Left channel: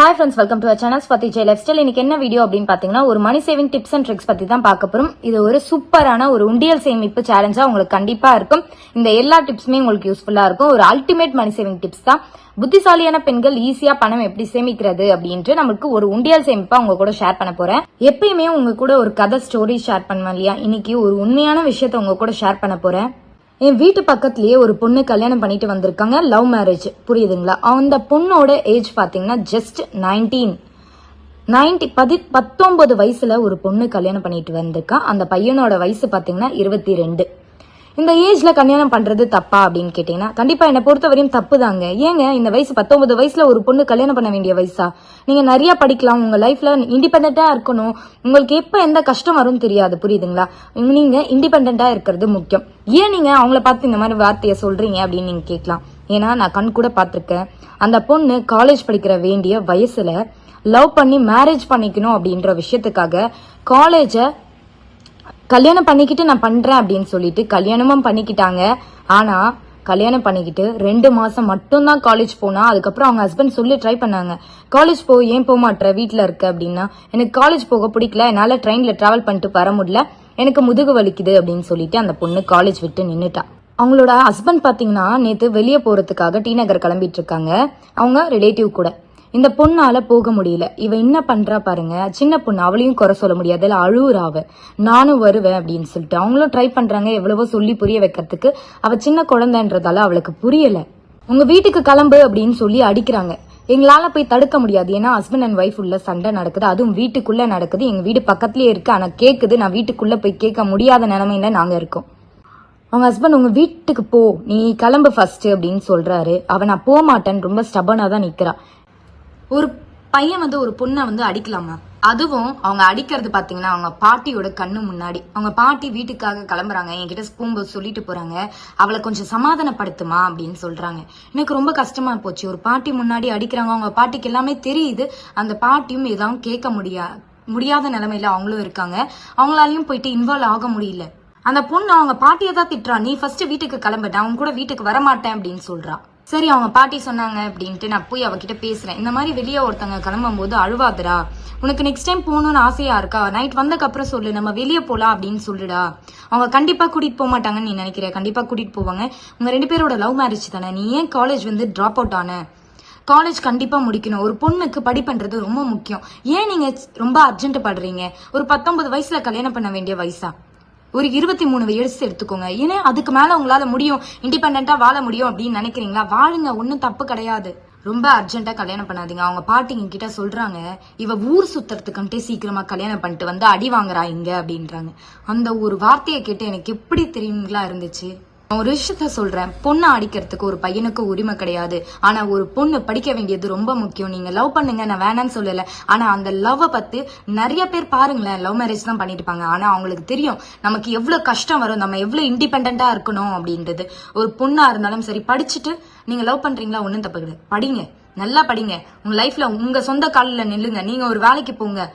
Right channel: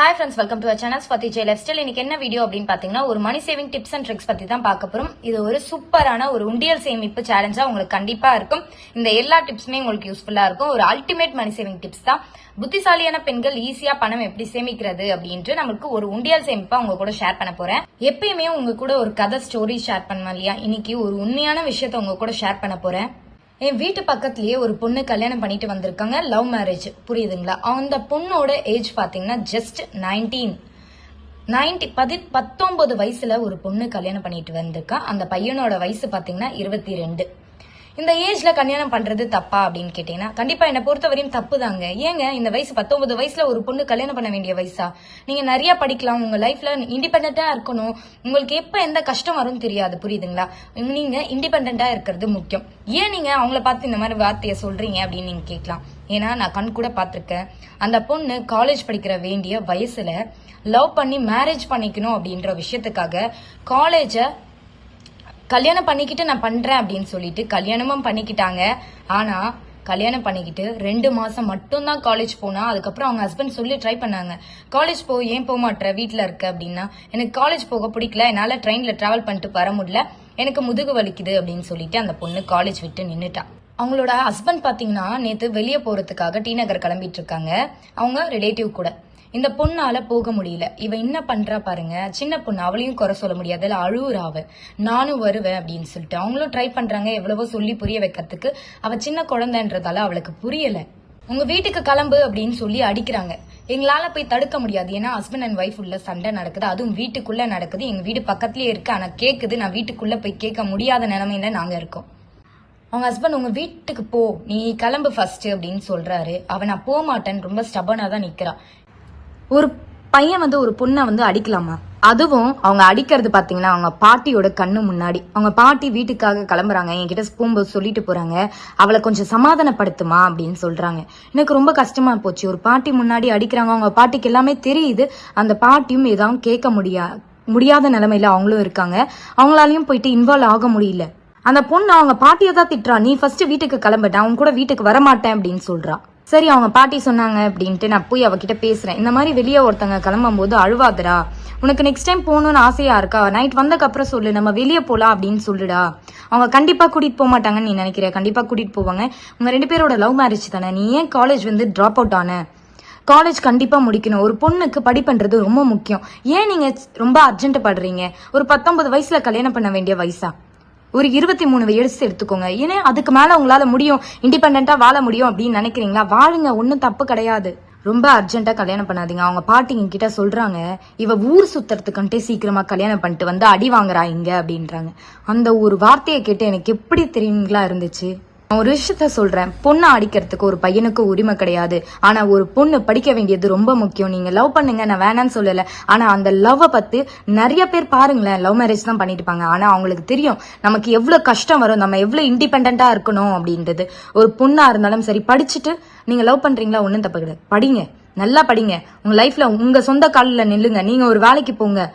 Hi friends welcome to channel Swathi Jai lifestyle இன்னைக்கு என்ன video அப்படின்னு பாத்தீங்கன்னா ஒரு money saving tips and tricks பத்தி தான் பார்க்க போறோம். இது ஒரு சூப்பரான ஒரு உண்டியல் சேமிப்பு சேலஞ்சா உங்களுக்கு கண்டிப்பா இருக்கும். இந்த எல்லா டிப்ஸுமே உங்களுக்கு யூஸ்ஃபுல்லா இருக்கும். ஒரு அல்டிமேட் மணி சேவிங் டிப்ஸ் தான். புத்திசாலியான பெண்கள் ஈஸியா பணம் எப்படி சேமிக்கிறது அப்படின்ட்டு நம்மளுக்கு ஒரு உண்டியல் சேமிப்பா உங்க கூட ஷேர் பண்ண போறேன். எப்பயுமே உங்க கூட ஒரு கதை ஸ்டோரி ஷேர் பண்ணுவேன் இல்லையா? இன்னைக்கு ஒரு உண்மையான விஷயத்த உங்க கூட ஷேர் பண்ண போறேன். என் வீட்டு பக்கத்துலயே ஒரு பொண்ணு கல்யாணம் பண்ணிட்டு வந்திருக்காங்க லவ் மேரேஜ் புரியுதுங்களா? அந்த பொண்ணோட ஏஜ் பாத்தீங்கன்னா ஜஸ்ட் நைன்டீன் நைன்டி பதி பத்தொன்பது வயசுல ஒரு பொண்ணு கல்யாணம் பண்ணிட்டு வந்திருக்கா. அந்த பையனோட வயசு பாத்தீங்கன்னா இருபத்தி ரெண்டு. இந்த ஏஜ்ல கல்யாணம் பண்றது தப்பா அப்படின்னு கேட்டீங்கன்னா கண்டிப்பா என்ன பொறுத்தவரையும் தப்பு தாங்க ஏங்க இந்த வயசு பத்தொன்பது வயசுல ஒரு பொண்ணு கல்யாணம் பண்ண வேண்டிய வயசா? நீங்க நிறைய படிக்கலாம் உங்க லைஃப்ல இண்டிபெண்டா இருக்கணும். உங்களுக்கு எப்ப எந்த கஷ்டம் வரும்னு தெரியாது புரியுதுங்களா? நீங்க இண்டிபெண்டா இருக்கிறது முக்கியம். ஏன் நீங்க அவங்கள பார்த்து இந்த மாதிரி வார்த்தையை சொல்றீங்க அப்படின்னு நீங்க கேட்கலாம். ஏன்னா நான் கண் கூட பார்த்துருக்கேன். அந்த பொண்ணு காலேஜ் படிக்கிற வேண்டிய வயசுல லவ் பண்ணி மேரேஜ் பண்ணிக்கணும் அப்படின்ற விஷயத்துக்காக காலேஜ கல்யாணம் பண்ணிக்கிட்டு நான் பண்றேன் அப்படின்னு சொல்லிட்டு கல்யாணமும் பண்ணிக்கிட்டாங்க. ஆனா கல்யாணம் பண்ணிக்கிட்டு ரெண்டு மாசம் மட்டும்தான் காலேஜ் போனா அதுக்கப்புறம் அவங்க ஹஸ்பண்ட் சொல்லி ட்ரை பண்ணாங்க. காலேஜ் போக ஏன் போக மாட்டேற வீட்டில் இருக்க அப்படின்னா எனக்கு காலேஜ் போக பிடிக்கல. என்னால ட்ரெயின்ல டிராவல் பண்ணிட்டு வர முடியல. எனக்கு முதுகு வலிக்குது அப்படின்னு சொல்லிட்டு அந்த பொண்ணு காலேஜ் விட்டு நின்னுட்டா. அவங்களோட ஹஸ்பண்ட் பாத்தீங்கன்னா நேத்து வெளியே போறதுக்காக டி நகர் கிளம்பிட்டு இருக்காங்க. அவங்க ரிலேட்டிவ் கூட. இந்த பொண்ணால போக முடியல. இவ என்ன பண்றா பாருங்க. சின்ன பொண்ணு அவளையும் குறை சொல்ல முடியாது. அதில் அழுவுறாவ நானும் வருவேன் அப்படின்னு சொல்லிட்டு. அவங்களும் ட்ரை பண்றாங்க எவ்வளவோ சொல்லி புரிய வைக்கிறதுக்கு. அவ சின்ன குழந்தைன்றதால அவளுக்கு புரியல. உங்க வீட்டுக்கு கிளம்பு அப்படின்னு சொல்லி அடிக்கிறாங்க. எங்களால போய் தடுக்க முடியாது. ஏன்னா ஹஸ்பண்ட் அண்ட் ஒய்ஃப் உள்ள சண்டை நடக்குது. அதுவும் வீட்டுக்குள்ள நடக்குது. எங்க வீடு பக்கத்துலயே இருக்கு. ஆனா கேக்குது. நான் வீட்டுக்குள்ள போய் கேட்க முடியாத நிலைமையில நாங்க இருக்கோம். அவங்க ஹஸ்பண்ட் உங்க வீட்டுக்கு போ. நீ கிளம்பு ஃபர்ஸ்ட் அப்படின்னு சொல்றாரு. அவ நான் போக மாட்டேன்னு ரொம்ப ஸ்டபனா தான் நிக்கிறா. ஒரு பையன் வந்து ஒரு பொண்ணை வந்து அடிக்கலாமா? அதுவும் அவங்க அடிக்கிறது பாத்தீங்கன்னா அவங்க பாட்டியோட கண்ணு முன்னாடி. அவங்க பாட்டி வீட்டுக்காக கிளம்புறாங்க என்கிட்ட போகும்போது சொல்லிட்டு போறாங்க அவளை கொஞ்சம் சமாதானப்படுத்துமா அப்படின்னு சொல்றாங்க. எனக்கு ரொம்ப கஷ்டமா போச்சு. ஒரு பாட்டி முன்னாடி அடிக்கிறாங்க அவங்க பாட்டிக்கு எல்லாமே தெரியுது. அந்த பாட்டியும் எதாவது கேட்க முடியா முடியாத நிலைமையில அவங்களும் இருக்காங்க. அவங்களாலையும் போயிட்டு இன்வால்வ் ஆக முடியல. அந்த பொண்ணு அவங்க பாட்டியை தான் திட்டுறா. நீ ஃபர்ஸ்ட் வீட்டுக்கு கிளம்பிட்ட அவங்க கூட வீட்டுக்கு வரமாட்டேன் அப்படின்னு சொல்றா. சரி அவங்க பாட்டி சொன்னாங்க அப்படின்ட்டு நான் போய் அவகிட்ட பேசுறேன். இந்த மாதிரி வெளியே ஒருத்தங்க கிளம்பும் போது அழுவாதரா உனக்கு நெக்ஸ்ட் டைம் போகணும்னு ஆசையா இருக்கா? நைட் வந்தக்கப்புறம் சொல்லு. நம்ம வெளியே போலாம் அப்படின்னு சொல்லுடா. அவங்க கண்டிப்பா கூட்டிட்டு போக மாட்டாங்கன்னு நீ நினைக்கிற. கண்டிப்பா கூட்டிட்டு போவாங்க. உங்க ரெண்டு பேரோட லவ் மேரேஜ் தானே. நீ ஏன் காலேஜ் வந்து டிராப் அவுட் ஆன? காலேஜ் கண்டிப்பா முடிக்கணும். ஒரு பொண்ணுக்கு படிப்புன்றது ரொம்ப முக்கியம். ஏன் நீங்க ரொம்ப அர்ஜென்ட் படுறீங்க? ஒரு பத்தொன்பது வயசுல கல்யாணம் பண்ண வேண்டிய வயசா? ஒரு இருபத்தி மூணு வயசு எடுத்துக்கோங்க. ஏன்னா அதுக்கு மேல உங்களால முடியும் இண்டிபெண்டா வாழ முடியும் அப்படின்னு நினைக்கிறீங்களா? வாழுங்க ஒன்றும் தப்பு கிடையாது. ரொம்ப அர்ஜென்ட்டாக கல்யாணம் பண்ணாதீங்க. அவங்க பாட்டிங்க கிட்ட சொல்கிறாங்க இவ ஊர் சுத்துறதுக்குன்ட்டே சீக்கிரமாக கல்யாணம் பண்ணிட்டு வந்து அடி வாங்குறா இங்கே அப்படின்றாங்க. அந்த ஒரு வார்த்தையை கேட்டு எனக்கு எப்படி தெரியுங்களா இருந்துச்சு? ஒரு விஷயத்த சொல்றேன். பொண்ணை அடிக்கிறதுக்கு ஒரு பையனுக்கு உரிமை கிடையாது. ஆனா ஒரு பொண்ணு படிக்க வேண்டியது ரொம்ப முக்கியம். நீங்க லவ் பண்ணுங்க நான் வேணாம்னு சொல்லல. ஆனா அந்த லவ்வை பத்தி நிறைய பேர் பாருங்களேன். லவ் மேரேஜ் தான் பண்ணிருப்பாங்க இருப்பாங்க. ஆனா அவங்களுக்கு தெரியும். நமக்கு எவ்வளவு கஷ்டம் வரும் நம்ம எவ்வளவு இண்டிபெண்டா இருக்கணும் அப்படின்றது. ஒரு பொண்ணா இருந்தாலும் சரி படிச்சுட்டு நீங்க லவ் பண்றீங்களா? ஒன்றும் தப்பு கிடையாது. படிங்க. நல்லா படிங்க. உங்க லைஃப்ல உங்க சொந்த காலில் நில்லுங்க. நீங்க ஒரு வேலைக்கு போங்க.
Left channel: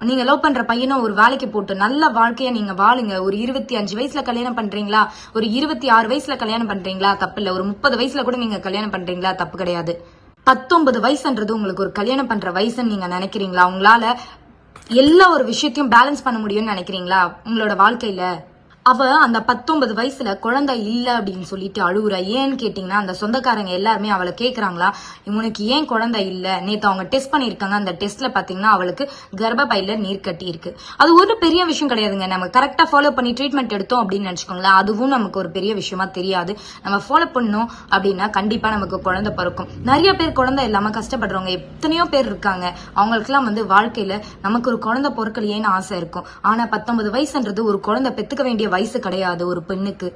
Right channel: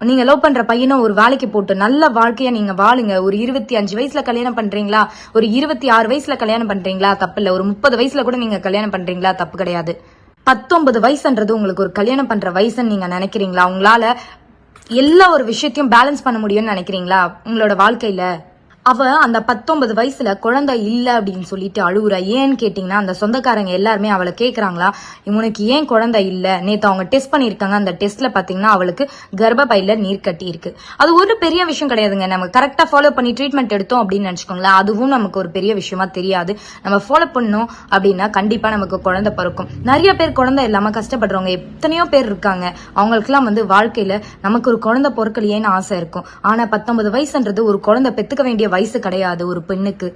நீங்க லவ் பண்ற பையனும் ஒரு வேலைக்கு போட்டு நல்ல வாழ்க்கைய நீங்க வாழுங்க. ஒரு இருபத்தி அஞ்சு வயசுல கல்யாணம் பண்றீங்களா? ஒரு இருபத்தி ஆறு வயசுல கல்யாணம் பண்றீங்களா? தப்பு இல்ல. ஒரு முப்பது வயசுல கூட நீங்க கல்யாணம் பண்றீங்களா? தப்பு கிடையாது. பத்தொன்பது வயசுன்றது உங்களுக்கு ஒரு கல்யாணம் பண்ற வயசுன்னு நீங்க நினைக்கிறீங்களா? உங்களால எல்லா ஒரு விஷயத்தையும் பேலன்ஸ் பண்ண முடியும்னு நினைக்கிறீங்களா? உங்களோட வாழ்க்கையில? அவ அந்த பத்தொன்பது வயசுல குழந்தை இல்ல அப்படின்னு சொல்லிட்டு அழுகுறா ஏன்னு கேட்டீங்கன்னா அந்த சொந்தக்காரங்க எல்லாருமே அவளை கேக்குறாங்களா இவனுக்கு ஏன் குழந்தை இல்ல? நேத்து அவங்க டெஸ்ட் பண்ணிருக்காங்க. அந்த டெஸ்ட்ல பாத்தீங்கன்னா அவளுக்கு கர்ப்பப்பையில நீர் கட்டி இருக்கு. அது ஒரு பெரிய விஷயம் கிடையாதுங்க. நம்ம கரெக்டா ஃபாலோ பண்ணி ட்ரீட்மெண்ட் எடுத்தோம் அப்படின்னு நினைச்சுக்கோங்களேன். அதுவும் நமக்கு ஒரு பெரிய விஷயமா தெரியாது. நம்ம ஃபாலோ பண்ணோம் அப்படின்னா கண்டிப்பா நமக்கு குழந்தை பிறக்கும். நிறைய பேர் குழந்தை இல்லாம கஷ்டப்படுறவங்க எத்தனையோ பேர் இருக்காங்க. அவங்களுக்குலாம் வந்து வாழ்க்கையில நமக்கு ஒரு குழந்தை பொறுக்கலையேன்னு ஆசை இருக்கும். ஆனா பத்தொன்பது வயசுன்றது ஒரு குழந்தை பெத்துக்க வேண்டிய வயசு கிடையாது ஒரு பெண்ணுக்கு.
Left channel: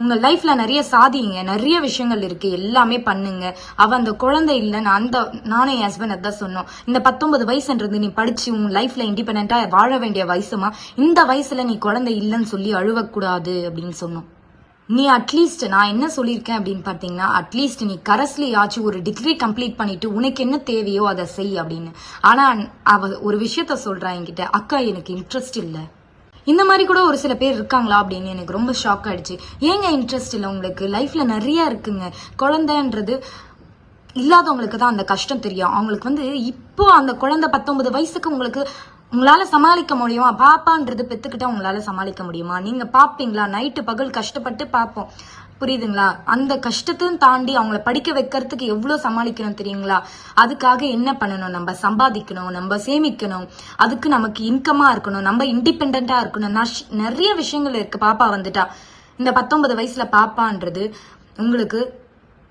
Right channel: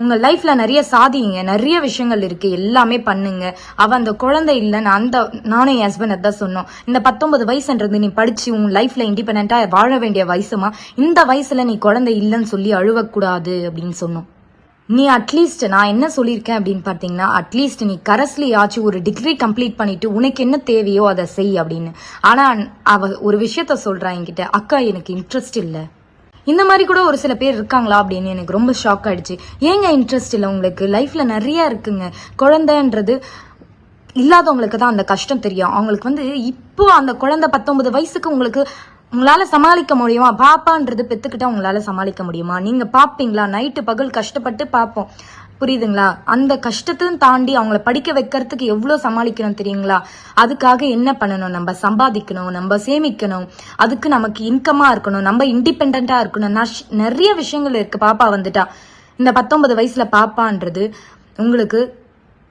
உங்க லைஃப்ல நிறைய சாதிங்க நிறைய விஷயங்கள் இருக்கு எல்லாமே பண்ணுங்க. அவ அந்த குழந்தை இல்லைன்னு அந்த நானும் என் ஹஸ்பண்ட் அதான் சொன்னோம். இந்த பத்தொன்பது வயசுன்றது நீ படிச்சு உன் லைஃப்ல இண்டிபெண்டா வாழ வேண்டிய வயசுமா? இந்த வயசுல நீ குழந்தை இல்லைன்னு சொல்லி அழுவக்கூடாது அப்படின்னு சொன்னோம். நீ அட்லீஸ்ட் நான் என்ன சொல்லியிருக்கேன் அப்படின்னு பார்த்தீங்கன்னா அட்லீஸ்ட் நீ கரஸ்லியாச்சும் ஒரு டிகிரி கம்ப்ளீட் பண்ணிட்டு உனக்கு என்ன தேவையோ அதை செய் அப்படின்னு. ஆனா அவ ஒரு விஷயத்த சொல்றா என்கிட்ட அக்கா எனக்கு இன்ட்ரெஸ்ட் இல்லை. இந்த மாதிரி கூட ஒரு சில பேர் இருக்காங்களா அப்படின்னு எனக்கு ரொம்ப ஷாக் ஆயிடுச்சு. ஏங்க இன்ட்ரெஸ்ட் இல்லை உங்களுக்கு? லைஃப்ல நிறைய இருக்குங்க. குழந்தைன்றது இல்லாதவங்களுக்கு தான் அந்த கஷ்டம் தெரியும். அவங்களுக்கு வந்து இப்போ அந்த குழந்தை பத்தொன்பது வயசுக்கு உங்களுக்கு உங்களால சமாளிக்க முடியுமா? பாப்பான்றது பெத்துக்கிட்டா உங்களால சமாளிக்க முடியுமா? நீங்க பாப்பீங்களா? நைட்டு பகல் கஷ்டப்பட்டு பார்ப்போம் புரியுதுங்களா? அந்த கஷ்டத்தையும் தாண்டி அவங்கள படிக்க வைக்கிறதுக்கு எவ்வளவு சமாளிக்கணும் தெரியுங்களா? அதுக்காக என்ன பண்ணணும்? நம்ம சம்பாதிக்கணும் நம்ம சேமிக்கணும். அதுக்கு நமக்கு இன்கமா இருக்கணும் நம்ம இண்டிபெண்டா இருக்கணும். நிறைய விஷயங்கள் இருக்கு. பாப்பா வந்துட்டா. இந்த பத்தொன்பது வயசுல பாப்பான்றது உங்களுக்கு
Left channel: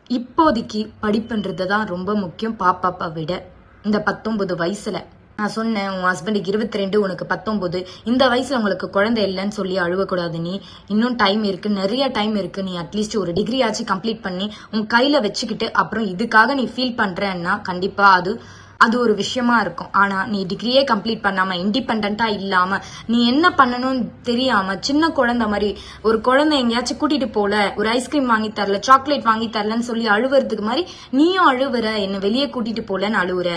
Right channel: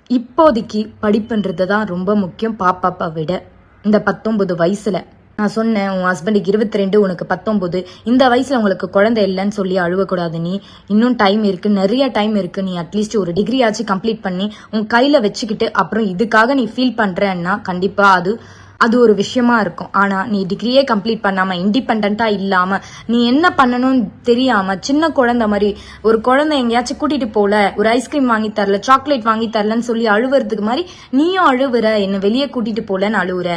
இப்போதைக்கு படிப்புன்றது தான் ரொம்ப முக்கியம். பாப்பாப்பா விட. இந்த பத்தொன்பது வயசுல. நான் சொன்னேன் உன் ஹஸ்பண்டுக்கு இருபத்தி ரெண்டு உனக்கு பத்தொன்பது. இந்த வயசுல உங்களுக்கு குழந்தை இல்லைன்னு சொல்லி அழுவக்கூடாது நீ. இன்னும் டைம் இருக்கு நிறைய டைம் இருக்கு. நீ அட்லீஸ்ட் ஒரு டிகிரி ஆச்சு கம்ப்ளீட் பண்ணி உன் கையில வச்சுக்கிட்டு அப்புறம் இதுக்காக நீ ஃபீல் பண்றேன்னா கண்டிப்பா அது அது ஒரு விஷயமா இருக்கும். ஆனா நீ டிகிரியே கம்ப்ளீட் பண்ணாம இண்டிபெண்டா இல்லாம நீ என்ன பண்ணணும்னு தெரியாம சின்ன குழந்தை மாதிரி ஒரு குழந்தை எங்கேயாச்சும் கூட்டிட்டு போல ஒரு ஐஸ்கிரீம் வாங்கி தரல சாக்லேட் வாங்கி தரலன்னு சொல்லி அழுவுறதுக்கு மாதிரி நீயும் அழுவுற என்ன வெளியே கூட்டிட்டு போலன்னு அழுவுற.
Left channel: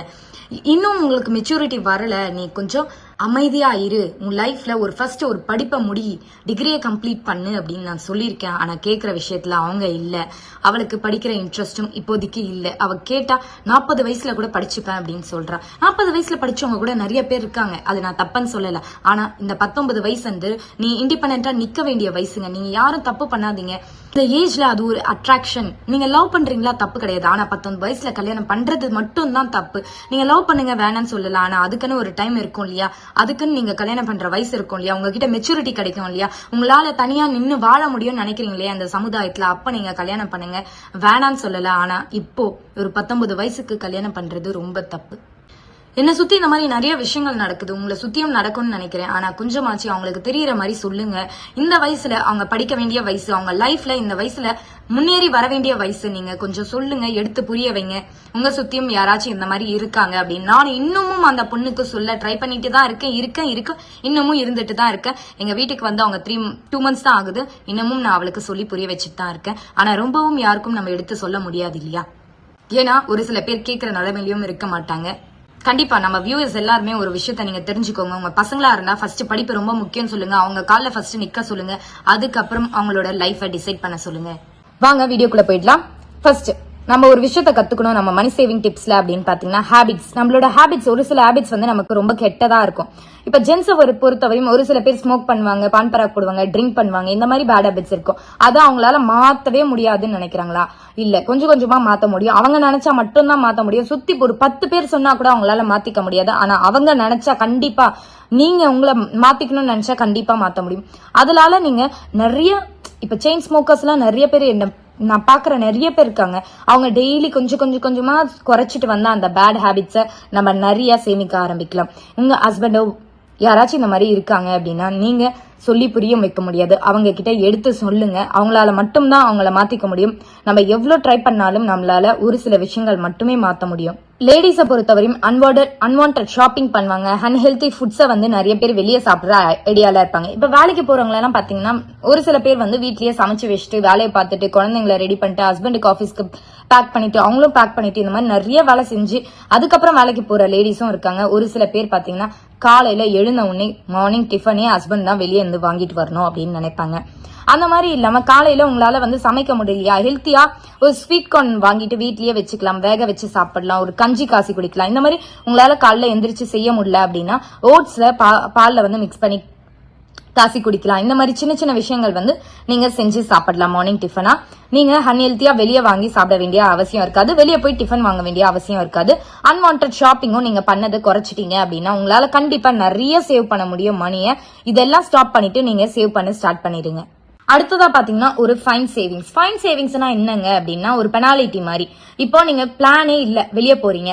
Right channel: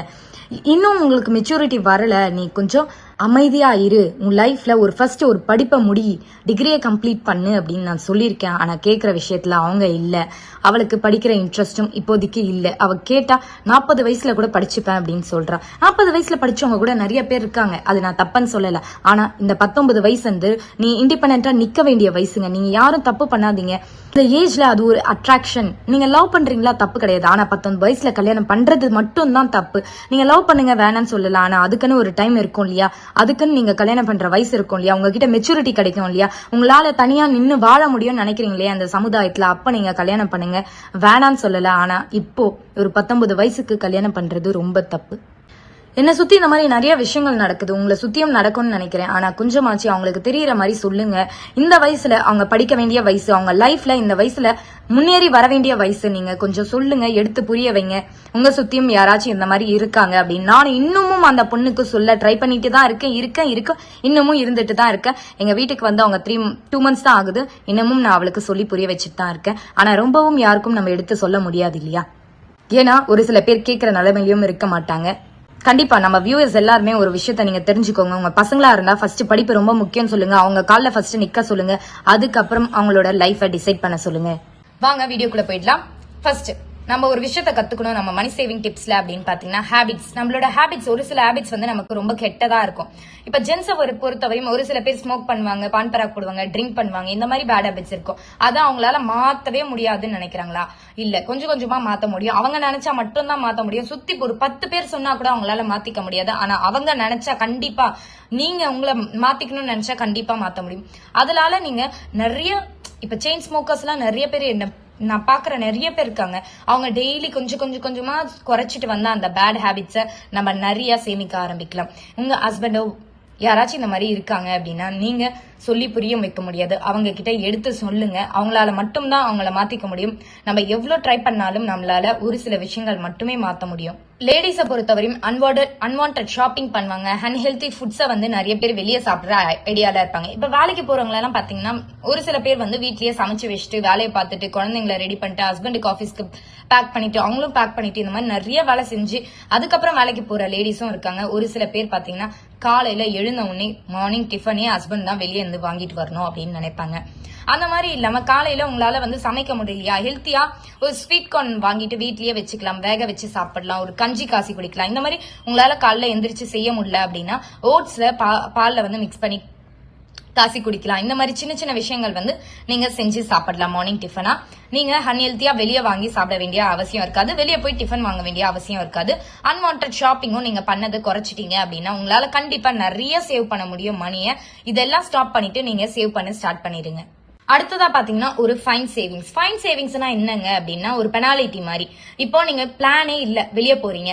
இன்னும் உங்களுக்கு மெச்சூரிட்டி வரல நீ கொஞ்சம் அமைதியா இரு. உன் லைஃப்ல ஒரு ஃபர்ஸ்ட் ஒரு படிப்பை முடி டிகிரியை கம்ப்ளீட் பண்ணு அப்படின்னு நான் சொல்லியிருக்கேன். ஆனா கேட்குற விஷயத்துல அவங்க இல்ல. அவளுக்கு படிக்கிற இன்ட்ரெஸ்டும் இப்போதைக்கு இல்ல. அவ கேட்டா நாற்பது வயசுல கூட படிச்சுப்பேன் அப்படின்னு சொல்றா. நாற்பது வயசுல படிச்சவங்க கூட நிறைய பேர் இருக்காங்க. அது நான் தப்புன்னு சொல்லல. ஆனா இந்த பத்தொன்பது வயசு வந்து நீ இண்டிபெண்டா நிக்க வேண்டிய வயசுங்க. நீங்க யாரும் தப்பு பண்ணாதீங்க. இந்த ஏஜ்ல அது ஒரு அட்ராக்ஷன் நீங்க லவ் பண்றீங்களா? தப்பு கிடையாது. ஆனா பத்தொன்பது வயசுல கல்யாணம் பண்றது மட்டும் தான் தப்பு. நீங்க லவ் பண்ணுங்க வேணாம்னு சொல்லலாம் ஆனா அதுக்குன்னு ஒரு டைம் இருக்கும் இல்லையா? அதுக்குன்னு நீங்க கல்யாணம் பண்ற வயசு இருக்கும் இல்லையா? உங்ககிட்ட மெச்சூரிட்டி கிடைக்கும் இல்லையா? உங்களால தனியா நின்னு வாழ முடியும்னு நினைக்கிறீங்க இல்லையா அந்த சமுதாயத்துல. அப்ப நீங்க கல்யாணம் பண்ணுங்க. வேணாம்னு சொல்லல. ஆனா இப்போ ஒரு பத்தொன்பது வயசுக்கு கல்யாணம் பண்றது ரொம்ப தப்பு. என்னை சுத்தி இந்த மாதிரி நிறைய விஷயங்கள் நடக்குது. உங்களை சுத்தியும் நடக்கும்னு நினைக்கிறேன். ஆனா கொஞ்சமாச்சு அவங்களுக்கு தெரியற மாதிரி சொல்லுங்க. இந்த வயசுல அவங்க படிக்க வேண்டிய வயசு அவங்க லைஃப்ல இந்த வயசுல முன்னேறி வர வேண்டிய வயசு நீங்க கொஞ்சம் சொல்லுங்க எடுத்து புரிய வைங்க. உங்க சுத்தியும் யாராச்சும் இந்த மாதிரி இருக்காங்க அப்படின்னு. நான் இன்னமும் அந்த பொண்ணுக்கு சொல்ல ட்ரை பண்ணிட்டு தான் இருக்கேன். இருக்கேன் இருக்கேன். இன்னமும் இருந்துட்டு தான் இருக்கேன். எங்க வீட்டுக்கு வந்து அவங்க த்ரீ டூ மந்த்ஸ் தான் ஆகுது. இன்னமும் நான் அவளுக்கு சொல்லி புரிய வச்சுட்டு தான் இருக்கேன். ஆனா ரொம்பவும் யாருக்கும் நம்ம எடுத்து சொல்ல முடியாது இல்லையா? ஏன்னா ஒரு சில பேர் கேட்கிற நிலைமையிலும் இருக்க மாட்டாங்க. கண்டிப்பா நம்ம வியூவர்ஸ் எல்லாருமே ஒரு விஷயத்த நீங்க தெரிஞ்சுக்கோங்க. உங்க பசங்களா இருந்தா ஃபர்ஸ்ட் படிப்பு ரொம்ப முக்கியம் சொல்லுங்க. அவங்க காலில் ஃபர்ஸ்ட் நிக்க சொல்லுங்க. அதுக்கப்புறம் அவங்களோட லைஃபை டிசைட் பண்ண சொல்லுங்க. வாங்க வீடியோக்குள்ள போயிடலாம். ஃபர்ஸ்ட் நம்ம ஒரு விஷயத்த கத்துக்கணும் நம்ம மணி சேவிங் டிப்ஸ்ல அப்படின்னு பாத்தீங்கன்னா ஹேபிட்ஸ் நம்மளோட ஹேபிட்ஸ் ஒரு சில ஹேபிட்ஸ் வந்து நமக்கு ரொம்ப கெட்டதா இருக்கும். இப்ப ஜென்ஸ் ஒரு பொறுத்தவரையும் ஒரு சில பேர் ஸ்மோக் பண்ணுவாங்க பான் பராக் போடுவாங்க ட்ரிங்க் பண்ணுவாங்க இந்த மாதிரி பேட் ஹேபிட்ஸ் இருக்கும். அதை அவங்களால மாத்தவே முடியாதுன்னு நினைக்கிறாங்களா? இல்ல கொஞ்சம் கொஞ்சமா மாத்த முடியும். அவங்க நினைச்சா மட்டும்தான் மாத்த முடியும். சுத்தி ஒரு பத்து பேர் சொன்னா கூட அவங்களால மாத்திக்க முடியாது. ஆனா அவங்க நினைச்சா கண்டிப்பா நீங்க உங்களை மாத்திக்கணும்னு நினைச்சா கண்டிப்பா மாத்த முடியும். அதனால நீங்க நிறைய இப்ப செயின் ஸ்மோக்கர்ஸ் எல்லாம் நிறைய பேர் என்ன நான் பாக்குற நிறைய பேர் இருக்காங்க. அவங்க டெய்லி கொஞ்சம் கொஞ்சம் கொஞ்சமா குறைச்சிட்டு வந்தா அந்த பேட் ஹேபிட்ஸ நம்ம நிறைய சேமிக்க ஆரம்பிக்கலாம். உங்க ஹஸ்பண்டோ யாராச்சும் இந்த மாதிரி இருக்காங்க அப்படின்னா நீங்க சொல்லி புரியும் வைக்க முடியாது. அவங்க கிட்ட எடுத்து சொல்லுங்க. அவங்களால மட்டும்தான் அவங்கள மாத்திக்க முடியும். நம்ம எவ்வளவு ட்ரை பண்ணாலும் நம்மளால ஒரு சில விஷயங்கள் மட்டுமே மாத்த முடியும். லேடிஸை பொறுத்தவரையும் அன்வார்டட் அன்வான்ட் ஷாப்பிங் பண்ணுவாங்க. அன்ஹெல்தி ஃபுட்ஸை வந்து நிறைய பேர் வெளியே சாப்பிட்ற ஐடியால இருப்பாங்க. இப்போ வேலைக்கு போகிறவங்களெல்லாம் எல்லாம் பாத்தீங்கன்னா ஒரு சில பேர் வந்து வீட்லயே சமைச்சு வச்சுட்டு வேலையை பார்த்துட்டு குழந்தைங்களை ரெடி பண்ணிட்டு ஹஸ்பண்டுக்கு ஆஃபீஸ்க்கு பேக் பண்ணிட்டு அவங்களும் பேக் பண்ணிட்டு இந்த மாதிரி நிறைய வேலை செஞ்சு அதுக்கப்புறம் வேலைக்கு போற லேடிஸும் இருக்காங்க. ஒரு சில பேர் பாத்தீங்கன்னா காலையில எழுந்த உடனே மார்னிங் டிஃபனே ஹஸ்பண்ட் தான் வெளியே இருந்து வாங்கிட்டு வரணும் அப்படின்னு நினைப்பாங்க. அந்த மாதிரி இல்லாம காலையில உங்களால வந்து சமைக்க முடியலையா? ஹெல்த்தியா ஒரு ஸ்வீட் கார்ன் வாங்கிட்டு வீட்லயே வச்சுக்கலாம். வேக வச்சு சாப்பிடலாம். ஒரு கஞ்சி காசி குடிக்கலாம். இந்த மாதிரி உங்களால காலைல எந்திரிச்சு செய்ய முடியல அப்படின்னா ஓட்ஸ்ல பால்ல வந்து மிக்ஸ் பண்ணி காசி குடிக்கலாம். இந்த மாதிரி சின்ன சின்ன விஷயங்கள் வந்து நீங்க செஞ்சு சாப்பிடலாம். மார்னிங் டிஃபனா நீங்க அன்ஹெல்த்தியா வெளியே வாங்கி சாப்பிட வேண்டிய அவசியம் இருக்காது. வெளியே போய் டிஃபன் வாங்க வேண்டிய அவசியம் இருக்காது. அன்வான்ட் ஷாப்பிங்கும் நீங்க பண்ணது குறைச்சிட்டீங்க அப்படின்னா உங்களால கண்டிப்பா நிறைய சேவ் பண்ண முடியும் மணியை. இதெல்லாம் ஸ்டாப் பண்ணிட்டு நீங்க சேவ் பண்ண ஸ்டார்ட் பண்ணிடுங்க. அடுத்ததா பாத்தீங்கன்னா ஒரு ஃபைன் சேவிங்ஸ் ஃபைன் சேவிங்ஸ்னா என்னங்க அப்படின்னா ஒரு பெனாலிட்டி மாதிரி. இப்போ நீங்க பிளானே இல்ல வெளியே போறீங்க.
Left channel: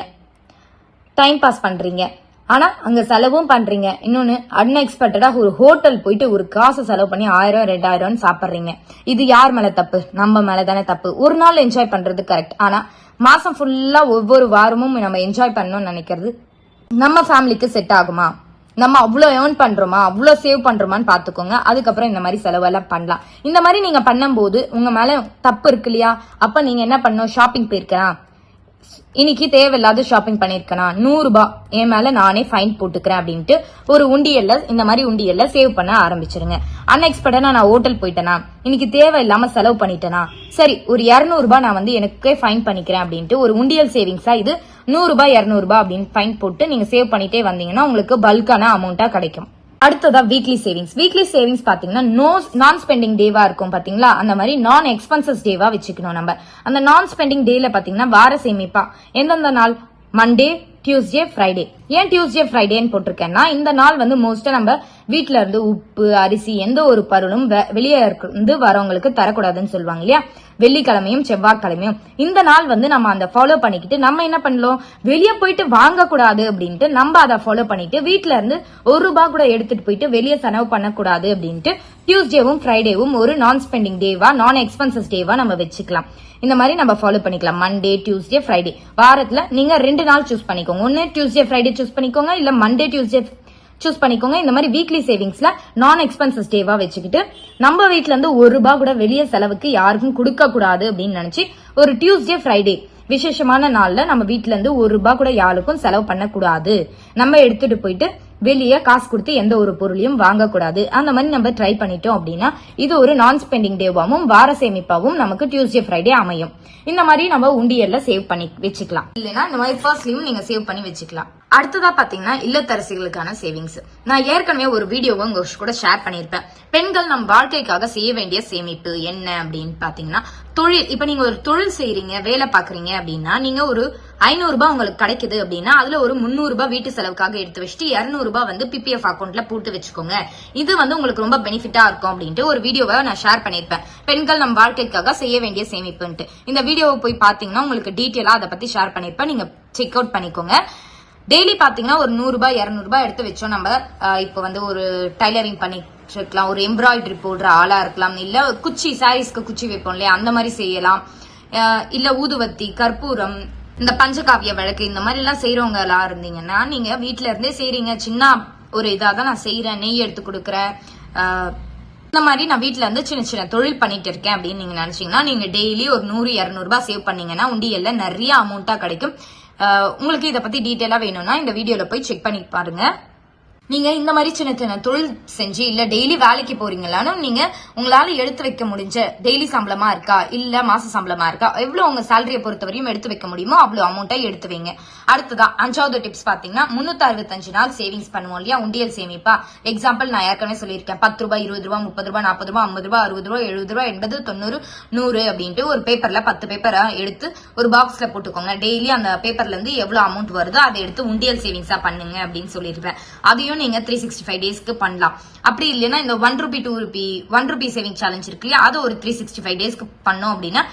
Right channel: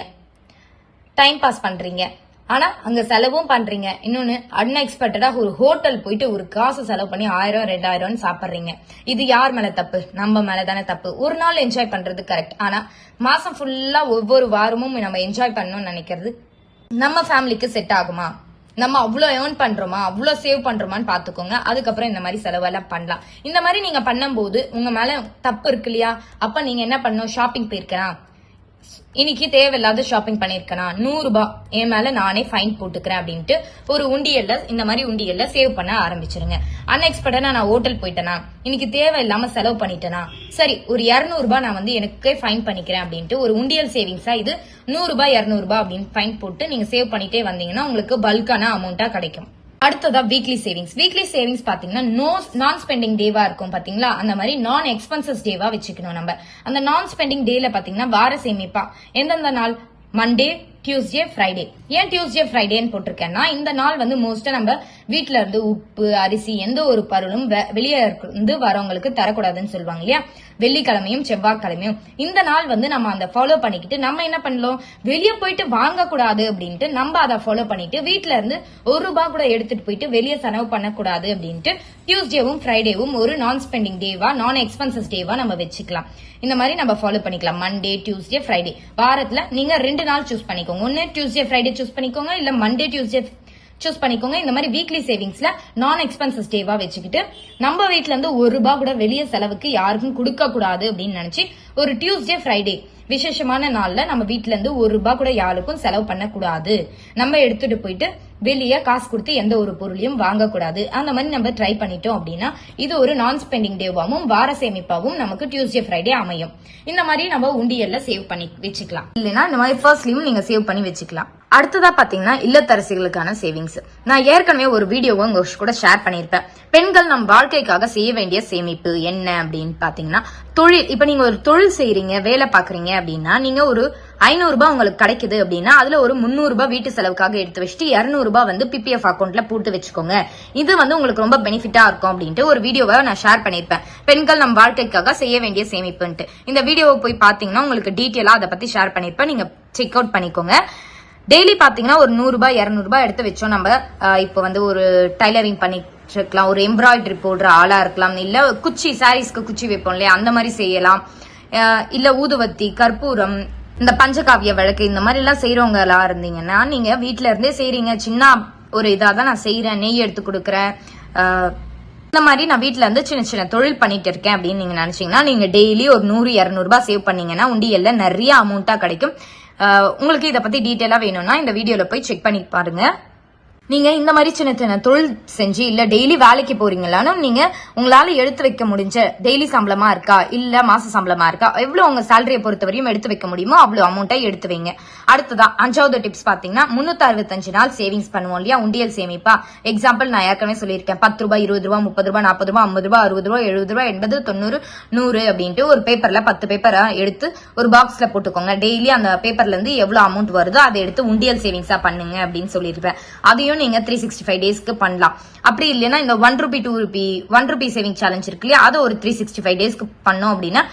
டைம் பாஸ் பண்றீங்க. ஆனா அங்க செலவும் பண்றீங்க. இன்னொன்னு அன்எக்ஸ்பெக்டடா ஒரு ஹோட்டல் போயிட்டு ஒரு காசு செலவு பண்ணி ஆயிரம் ரெண்டாயிரம் சாப்பிடுறீங்க. இது யார் மேல தப்பு? நம்ம மேல தானே தப்பு. ஒரு நாள் என்ஜாய் பண்றது கரெக்ட் ஆனா மாசம் ஃபுல்லா ஒவ்வொரு வாரமும் நம்ம என்ஜாய் பண்ணணும்னு நினைக்கிறது நம்ம ஃபேமிலிக்கு செட் ஆகுமா? நம்ம அவ்வளோ ஏர்ன் பண்றோமா அவ்வளோ சேவ் பண்றோமான்னு பாத்துக்கோங்க. அதுக்கப்புறம் இந்த மாதிரி செலவெல்லாம் பண்ணலாம். இந்த மாதிரி நீங்க பண்ணும்போது உங்க மேல தப்பு இருக்கு இல்லையா? அப்ப நீங்க என்ன பண்ணணும்? ஷாப்பிங் போயிருக்கலாம். இன்னைக்கு தேவையில்லாத ஷாப்பிங் பண்ணிருக்கேனா நூறு ரூபாய் என் மேல நானே ஃபைன் போட்டுக்கிறேன் அப்படின்ட்டு ஒரு உண்டியல்ல இந்த மாதிரி உண்டியல்ல சேவ் பண்ண ஆரம்பிச்சிருங்க. அன்எக்ஸ்பெக்டடா நான் ஹோட்டல் போயிட்டேனா? இன்னைக்கு தேவையில்லாம செலவு பண்ணிட்டேனா? சரி ஒரு 200 ரூபாய் நான் வந்து எனக்கே ஃபைன் பண்ணிக்கிறேன் அப்படின்ட்டு ஒரு உண்டியல் சேவிங்ஸா இது நூறு ரூபாய் 200 ரூபாய் அப்படின்னு ஃபைன் போட்டு நீங்க சேவ் பண்ணிட்டே வந்தீங்கன்னா உங்களுக்கு பல்கான அமௌண்டா கிடைக்கும். அடுத்ததா வீக்லி சேவிங்ஸ் வீக்லி சேவிங்ஸ் பாத்தீங்கன்னா நோ நான் ஸ்பெண்டிங் டேவா இருக்கும் பாத்தீங்களா? அந்த மாதிரி நான் எக்ஸ்பென்சஸ் டேவா வச்சுக்கணும் நம்ம. அந்த நான் ஸ்பெண்டிங் டேல பாத்தீங்கன்னா வார சேமிப்பா. எந்தெந்த நாள்? மண்டே டியூஸ்டே ஃப்ரைடே ஏன் டியூஸ்டே ஃப்ரைடேன்னு போட்டிருக்கேன்னா இந்த நாள் வந்து மோஸ்டா நம்ம வீட்ல இருந்து உப்பு அரிசி எந்த ஒரு பருளும் வெ- வெளியே இருந்து வரவங்களுக்கு தரக்கூடாதுன்னு சொல்லுவாங்க இல்லையா? வெள்ளிக்கிழமையும் செவ்வாய்க்கிழமையும். இந்த நாள் வந்து நம்ம அந்த ஃபாலோ பண்ணிக்கிட்டு நம்ம என்ன பண்ணலாம் வெளியே போயிட்டு வாங்கக்கூடாது அப்படின்ட்டு நம்ம அதை ஃபாலோ பண்ணிட்டு வீட்ல இருந்து ஒரு ரூபாய் கூட எடுத்துட்டு போயிட்டு வெளியே செலவு பண்ணக்கூடாது அப்படின்ட்டு டியூஸ்டேவும் ஃப்ரைடேவும் ஒரு நான் ஸ்பெண்டிங் டேவா நான் எக்ஸ்பென்சஸ் டேவா நம்ம வச்சுக்கலாம். இந்த மாதிரி நம்ம ஃபாலோ பண்ணிக்கலாம். மண்டே டியூஸ்டே ஃப்ரைடே வாரத்தில் நீங்கள் ரெண்டு நாள் சூஸ் பண்ணிக்கோங்க. ஒன்று டியூஸ்டே ஃப்ரைடே சூஸ் பண்ணிக்கோங்க. இல்லை மண்டே டியூஸ்டே சூஸ் பண்ணிக்கோங்க. இந்த மாதிரி வீக்லி சேவிங்ஸ்ல நான் எக்ஸ்பென்சஸ் டேவா வச்சுக்கிட்டு நம்ம வீட்ல இருந்து ஒரு ரூபாய் கூட வெளியே செலவுக்கு யாருக்கும் கொடுக்க கூடாது அப்படின்னு நினைச்சு ஒரு டியூஸ்டே ஃப்ரைடே விசேஷமான நாள்ல நம்ம வீட்டுல இருந்து ஒரு ரூபாய் கூட யாருக்கும் செலவு பண்ணக்கூடாது. நம்ம எடுத்துட்டு போயிட்டு வெளியே காசு கொடுத்து எந்த ஒரு பொருளையும் வாங்கக்கூடாது. அந்த மாதிரி நம்ம ட்ரை பண்ணிட்டோம் அப்படின்னா இது ஒரு நான் ஸ்பெண்டிங் டேவாகவும் வார சேமிப்பாகவும் நமக்கு டியூஸ்டே ஃப்ரைடே அமையும். இந்த மாதிரி நம்ம உண்டியல்ல சேவ் பண்ணி வச்சுக்கலாம். இல்லைன்னா இந்த மாதிரி ஃபர்ஸ்ட்லயும் நீங்க சேவ் பண்ணி வச்சுக்கலாம். அடுத்ததா பாத்தீங்கன்னா இல்லத்தரசிகளுக்கான சேவிங்ஸ் நான் ஏற்கனவே ஒரு வீடியோவை உங்க கூட ஷேர் பண்ணியிருப்பேன். பெண்கள் நம் வாழ்க்கைக்காக செய்ய வேண்டிய சேமிப்பு என்ன அப்படின்னு பாத்தீங்கன்னா தொழில் இப்ப நீங்க ஒரு தொழில் செய்யறீங்க வேலை பாக்குறீங்க அப்படின்னா நீங்க ஒரு ஐநூறு ரூபாய் உங்களுக்கு கிடைக்குது அப்படின்னா அதுல ஒரு முந்நூறு ரூபாய் வீட்டு செலவுக்காக எடுத்து வச்சுட்டு இருநூறு ரூபாய் வந்து பிபிஎஃப் அக்கௌண்ட்ல போட்டு வச்சுக்கோங்க. இது வந்து உங்களுக்கு ரொம்ப பெனிஃபிட்டா இருக்கும் அப்படின்ட்டு ஒரு வீடியோவை நான் ஷேர் பண்ணிருப்பேன் பெண்கள் நம் வாழ்க்கைக்காக செய்ய வேண்டிய சேமிப்புன்ட்டு. இந்த வீடியோவை போய் பாத்தீங்கன்னா உங்களுக்கு டீட்டெயிலா அதை பத்தி ஷேர் பண்ணிருப்பேன் நீங்க செக் அவுட் பண்ணிக்கோங்க. டெய்லி பாத்தீங்கன்னா ஒரு நூறு ரூபாய் இருநூறு ரூபாய் எடுத்து வச்சோம் நம்ம இப்போ வந்து ஒரு டைலரிங் பண்ணி இருக்கலாம் ஒரு எம்ப்ராய்டரி போடுற ஆளா இருக்கலாம். இல்ல குச்சி சாரீஸ்க்கு குச்சி வைப்போம் இல்லையா? அந்த மாதிரி செய்யலாம். இல்லை இல்ல ஊதுவத்தி கற்பூரம் இந்த பஞ்சகாவிய விளக்கு இந்த மாதிரி எல்லாம் செய்யறவங்களா இருந்தீங்கன்னா நீங்க வீட்டுல இருந்தே செய்யறீங்க சின்ன ஒரு இதா தான் நான் செய்யறேன் நெய் எடுத்து கொடுக்கறேன். இந்த மாதிரி நான் வீட்டுல இருந்து சின்ன சின்ன தொழில் பண்ணிட்டு இருக்கேன் அப்படின்னு நீங்க நினைச்சீங்கன்னா நீங்க டெய்லி ஒரு நூறு இருநூறு ரூபாய் சேவ் பண்ணீங்கன்னா உண்டியல்ல நிறைய அமௌண்ட்டா கிடைக்கும். உங்களுக்கு இதை பத்தி டீட்டெயிலா வேணும்னா இந்த வீடியோல போய் செக் பண்ணி பாருங்க. நீங்க இந்த மாதிரி சின்ன சின்ன தொழில் செஞ்சு இல்ல டெய்லி வேலைக்கு போறீங்களானும் நீங்க உங்களால எடுத்து வைக்க முடிஞ்ச டெய்லி சம்பளமா இருக்கா இல்ல மாச சம்பளமா இருக்கா எவ்வளவு உங்க சேலரியை பொறுத்தவரையும் எடுத்து வைக்க முடியுமோ அவ்வளவு அமௌண்ட்டை எடுத்து வைங்க. அடுத்ததா அஞ்சாவது டிப்ஸ் பாத்தீங்கன்னா முன்னூத்தி அறுபத்தஞ்சு நாள் சேவிங்ஸ் பண்ணுவோம் இல்லையா உண்டியல் சேமிப்பா. எக்ஸாம்பிள் நான் ஏற்கனவே சொல்லியிருக்கேன் பத்து ரூபாய் இருபது ரூபாய் முப்பது ரூபாய் நாற்பது ரூபாய் ஐம்பது ரூபாய் அறுபது ரூபாய் எழுபது ரூபாய் எண்பது தொண்ணூறு நூறு அப்படின்ட்டு ஒரு பேப்பர்ல பத்து பேப்பரை எடுத்து ஒரு பாக்ஸ்ல போட்டுக்கோங்க. டெய்லி அந்த பேப்பர்ல இருந்து எவ்வளவு அமௌண்ட் வருதோ அதை எடுத்து உண்டியல் சேவிங்ஸா பண்ணுங்க அப்படின்னு சொல்லியிருப்பேன். அதையும் நீங்க த்ரீ சிக்ஸ்டி ஃபைவ் டேஸ்க்கு பண்ணலாம். அப்படி இல்லைன்னா இந்த one rupee two rupee one rupee saving challenge இருக்கு இல்லையா? அதை ஒரு த்ரீ சிக்ஸ்டி ஃபைவ் டேஸ்க்கு பண்ணோம் அப்படின்னா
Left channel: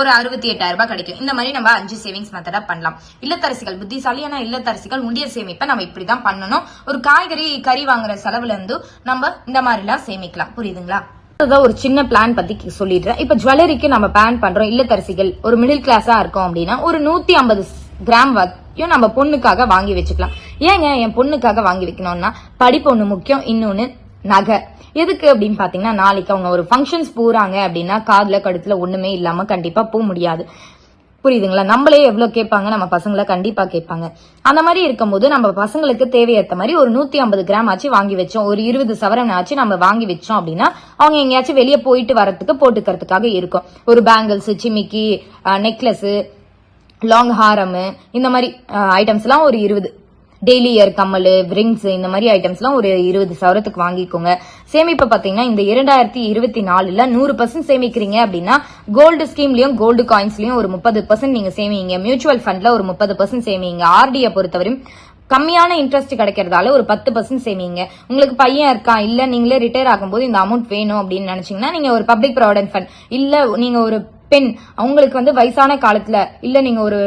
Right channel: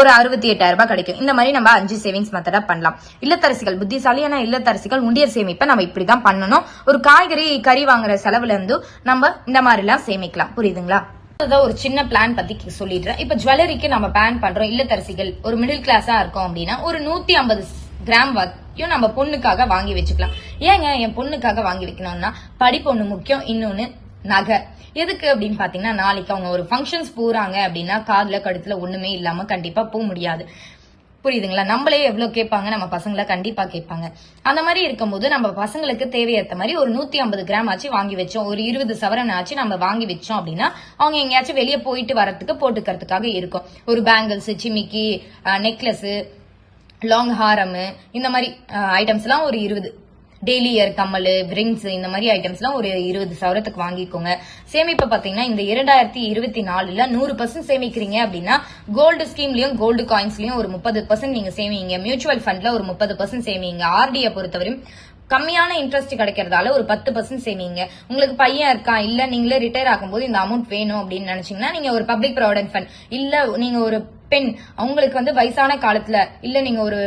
ஒரு அறுபத்தி எட்டாயிரம் ரூபாய் கிடைக்கும். இந்த மாதிரி நம்ம அஞ்சு சேவிங்ஸ் மெத்தடா பண்ணலாம். இல்லத்தரசிகள் புத்திசாலியான இல்லத்தரசிகள் உண்டியர் சேமிப்பை நம்ம இப்படிதான் பண்ணணும். ஒரு காய்கறி கறி வாங்குற செலவுல இருந்து நம்ம இந்த மாதிரி எல்லாம் சேமிக்கலாம். புரியுதுங்களா? அடுத்ததா ஒரு சின்ன பிளான் பத்தி சொல்லிடுறேன். இப்ப ஜுவல்லரிக்கு நம்ம பிளான் பண்றோம். இல்லத்தரசிகள் ஒரு மிடில் கிளாஸா இருக்கோம் அப்படின்னா ஒரு நூத்தி ஐம்பது கிராம் வரைக்கும் நம்ம பொண்ணுக்காக வாங்கி வச்சுக்கலாம். ஏங்க என் பொண்ணுக்காக வாங்கி வைக்கணும்னா படிப்பு ஒண்ணு முக்கியம் இன்னொன்னு நகை. எதுக்கு அப்படின்னு பாத்தீங்கன்னா நாளைக்கு அவங்க ஒரு ஃபங்க்ஷன்ஸ் போறாங்க அப்படின்னா காதுல கடுத்துல ஒண்ணுமே இல்லாம கண்டிப்பா போக முடியாது. புரியுதுங்களா? நம்மளே எவ்வளவு கேட்பாங்க நம்ம பசங்களை கண்டிப்பா கேட்பாங்க. அந்த மாதிரி இருக்கும்போது நம்ம பசங்களுக்கு தேவையேற்ற மாதிரி ஒரு நூத்தி ஐம்பது கிராம் ஆச்சு வாங்கி வச்சோம். ஒரு இருபது சவரன் ஆச்சு நம்ம வாங்கி வச்சோம் அப்படின்னா அவங்க எங்கேயாச்சும் வெளியே போயிட்டு வரத்துக்கு போட்டுக்கிறதுக்காக இருக்கும். ஒரு பேங்கிள்ஸ் சிமிக்கி நெக்லஸ் லாங் ஹாரம் இந்த மாதிரி ஐட்டம்ஸ் எல்லாம் ஒரு இருபது டெய்லி இயர் கம்மல் ரிங்ஸ் இந்த மாதிரி ஐட்டம்ஸ்லாம் ஒரு இருபது சவரத்துக்கு வாங்கிக்கோங்க. சேமிப்பை பார்த்தீங்கன்னா இந்த இரண்டாயிரத்தி இருபத்தி நாலுல நூறு பர்சன்ட் சேமிக்கிறீங்க அப்படின்னா கோல்டு ஸ்கீம்லயும் கோல்டு காயின்ஸ்லயும் ஒரு முப்பது பர்சன்ட் நீங்க சேமிங்க. மியூச்சுவல் ஃபண்ட்ல ஒரு முப்பது பர்சன்ட் சேமிங்க. ஆர்டியை பொறுத்தவரையும் கம்மியான இன்ட்ரெஸ்ட் கிடைக்கிறதால ஒரு பத்து பர்சன்ட் சேமிங்க. உங்களுக்கு பையன் இருக்கான் இல்ல நீங்களே ரிட்டையர் ஆகும்போது இந்த அமௌண்ட் வேணும் அப்படின்னு நினைச்சீங்கன்னா நீங்க ஒரு பப்ளிக் ப்ராவிடன்ட் ஃபண்ட் இல்ல நீங்க ஒரு பெண் அவங்களுக்கு வந்து வயசான காலத்துல இல்ல நீங்க ஒரு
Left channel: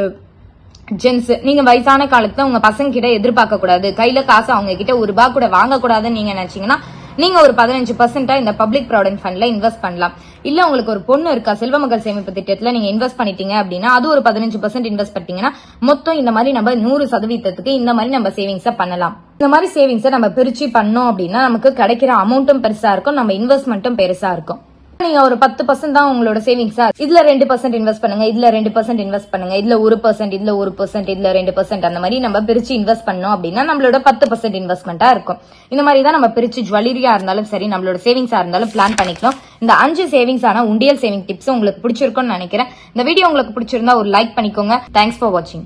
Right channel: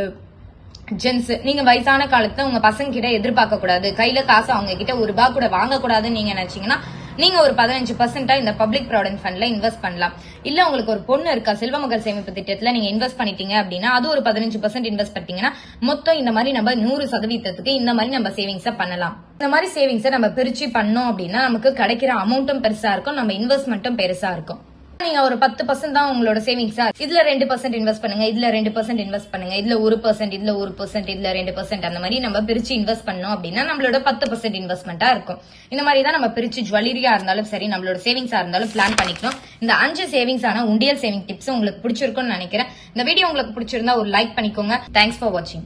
ஜென்ஸ் நீங்க வயசான காலத்துல உங்க பசங்க கிட்ட எதிர்பார்க்க கூடாது. கையில காசு அவங்க கிட்ட ஒரு ரூபா கூட வாங்க கூடாதுன்னு நீங்க நினைச்சீங்கன்னா நீங்க ஒரு பதினஞ்சு பர்சன்டா இந்த பப்ளிக் ப்ராவிடன்ட் ஃபண்ட்ல இன்வெஸ்ட் பண்ணலாம். இல்ல உங்களுக்கு ஒரு பொண்ணு இருக்கா செல்வ மகள் சேமிப்பு திட்டத்துல நீங்க இன்வெஸ்ட் பண்ணிட்டீங்க அப்படின்னா அது ஒரு பதினஞ்சு பர்சன்ட் இன்வெஸ்ட் பண்ணிட்டீங்கன்னா மொத்தம் இந்த மாதிரி நம்ம நூறு சதவீதத்துக்கு இந்த மாதிரி நம்ம சேவிங்ஸை பண்ணலாம். இந்த மாதிரி சேவிங்ஸை நம்ம பிரிச்சு பண்ணோம் அப்படின்னா நமக்கு கிடைக்கிற அமௌண்ட்டும் பெருசா இருக்கும் நம்ம இன்வெஸ்ட்மெண்ட்டும் பெருசா இருக்கும். நீங்க ஒரு பத்து பர்சன்ட் தான் உங்களோட சேவிங்ஸா இதுல ரெண்டு பர்சன்ட் இன்வெஸ்ட் பண்ணுங்க இதுல ரெண்டு பர்சன்ட் இன்வெஸ்ட் பண்ணுங்க இதுல ஒரு பர்சன்ட் இதுல ஒரு பர்சன்ட் இதுல ரெண்டு பர்சன்ட் அந்த மாதிரி நம்ம பிரிச்சு இன்வெஸ்ட் பண்ணோம் அப்படின்னா நம்மளோட பத்து பர்சன்ட் இன்வெஸ்ட்மெண்டா இருக்கும். இந்த மாதிரி தான் நம்ம பிரிச்சு ஜுவல்லரியா இருந்தாலும் சரி நம்மளோட சேவிங்ஸா இருந்தாலும் பிளான் பண்ணிக்கணும். இந்த அஞ்சு சேவிங்ஸ் ஆன உண்டியல் சேவிங் டிப்ஸ் உங்களுக்கு பிடிச்சிருக்கும்னு நினைக்கிறேன். இந்த வீடியோ உங்களுக்கு பிடிச்சிருந்தா ஒரு லைக் பண்ணிக்கோங்க. தேங்க்ஸ் ஃபார் வாட்சிங்